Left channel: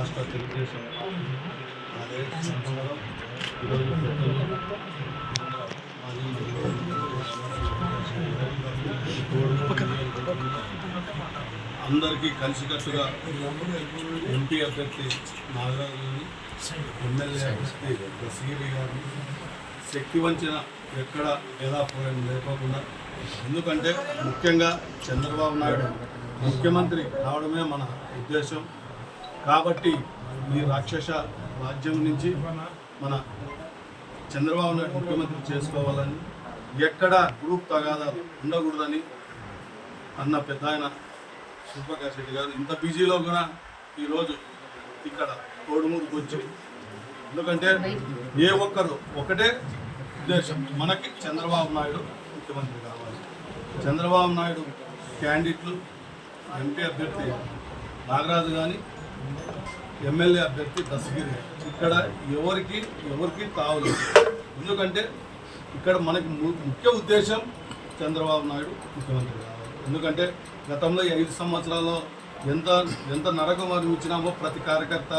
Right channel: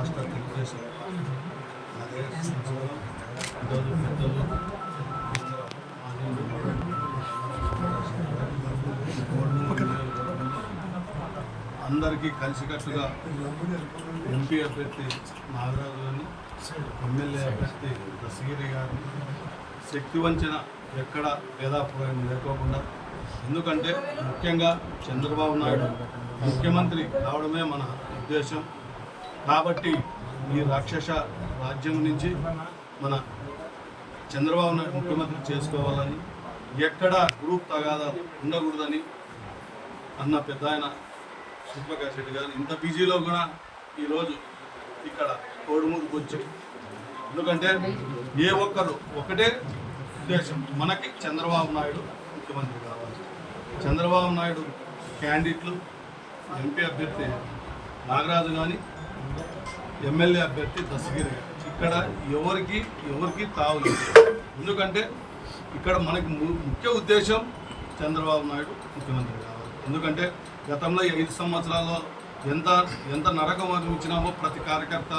రాష్ట్ర తెలుగుదేశం అదే సంవత్సరం ఈరోజు పెద్దలు అందరికీ కలిసికట్టుగా ఎంపీ అభ్యర్థి నాగరాజు గారిని ఎమ్మెల్యే అభ్యర్థి దశగిరి గారిని శక్తి వంచన ఎక్కడ భేదాభిప్రాయం లేకోకుండా ఎందుకంటే ముఖ్యంగా చంద్రబాబు నాయుడు ముఖ్యమంత్రి కావడమే మన ఉద్దేశం. కాబట్టి ఈ రాక్షస రాజ్యం నుంచి మన చంద్రబాబు నాయుడు ముఖ్యమంత్రి చేసుకోవాలని ఎక్కడ గ్రూప్ తగాదాలు ఉండకూడదని అన్న పెద్ద ఆయన సూర్యప్రకాష్ రెడ్డి గారు ఇంత బిజీలో కూడా ఈరోజు ఇక్కడ కోడుమూరుకు వచ్చి ఎందుకంటే ఏ ఒక్కరు ఒకటే ఉద్దేశం. మనకి చంద్రబాబు నాయుడు ముఖ్యమంత్రి కావాలి. చంద్రబాబు నాయుడు క్యాండిడేట్లు ఎంపీ అభ్యర్థి నాగరాజు కానీ ఎమ్మెల్యే అభ్యర్థి దశగిరి ఇక్కడ ఎవరికి ఎవరికి తావులేదు ఎందుకంటే ఇక్కడ మనకి ము- ముఖ్య ఉద్దేశం చంద్రబాబు నాయుడు ముఖ్యమంత్రి కావాలి. ఎందుకంటే గతంలో ఐదు సంవత్సరాల్లో ఎంత ఎంత నరకం అనిపించినామో ప్రతి కార్యకర్త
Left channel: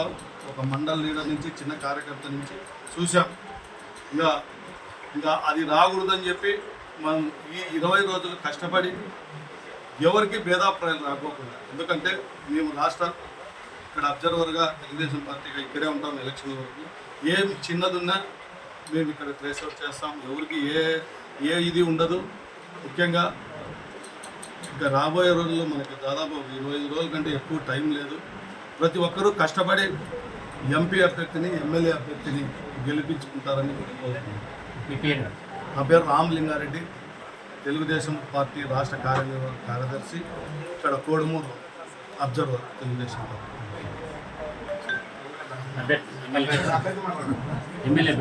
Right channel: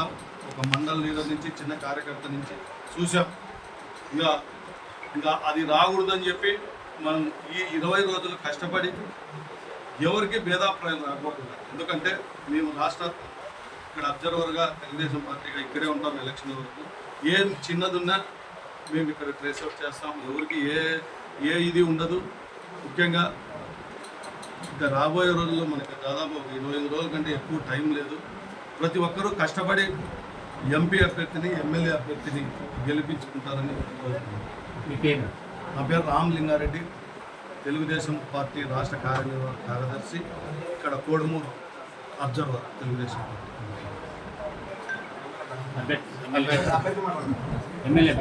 ఒక మండల లీడర్ నుంచి చిన్న కార్యకర్త నుంచి చూసాం ఇంకా ఇంకా అది రాకూడదని చెప్పి మనం ఈ ఇరవై రోజులు కష్టపడి ఎవరికి భేదాభిప్రాయాలు రాకోకుండా. ఎందుకంటే మేము రాష్ట్ర ఇక్కడ అబ్జర్వర్గా తెలుగుదేశం పార్టీగా ఇక్కడే ఉంటాం ఎలక్షన్ వరకు. ఏం చిన్నదున్నా మేము ఇక్కడ ట్రేస్ అవుట్ చేస్తాం. ఎవరికి ఏ ఏ ఇది ఉండదు. ముఖ్యంగా ఇంకా రాబోయే రోజుల్లో మనకి దాదాపు ఇరవై ఐదు రోజుల కంటే ఎక్కువ టైం లేదు. ప్రతి ఒక్కరూ కష్టపడి ఎంపీ అభ్యర్థిని ఎమ్మెల్యే అభ్యర్థిని గెలిపించుకుంటారని నా పేరు రామ్ లింగారెడ్డి. తెలుగుదేశం పార్టీ రాష్ట్ర కార్య కార్యదర్శి. ఇక్కడ Kodumuru observer Telugu Desam party. MLA.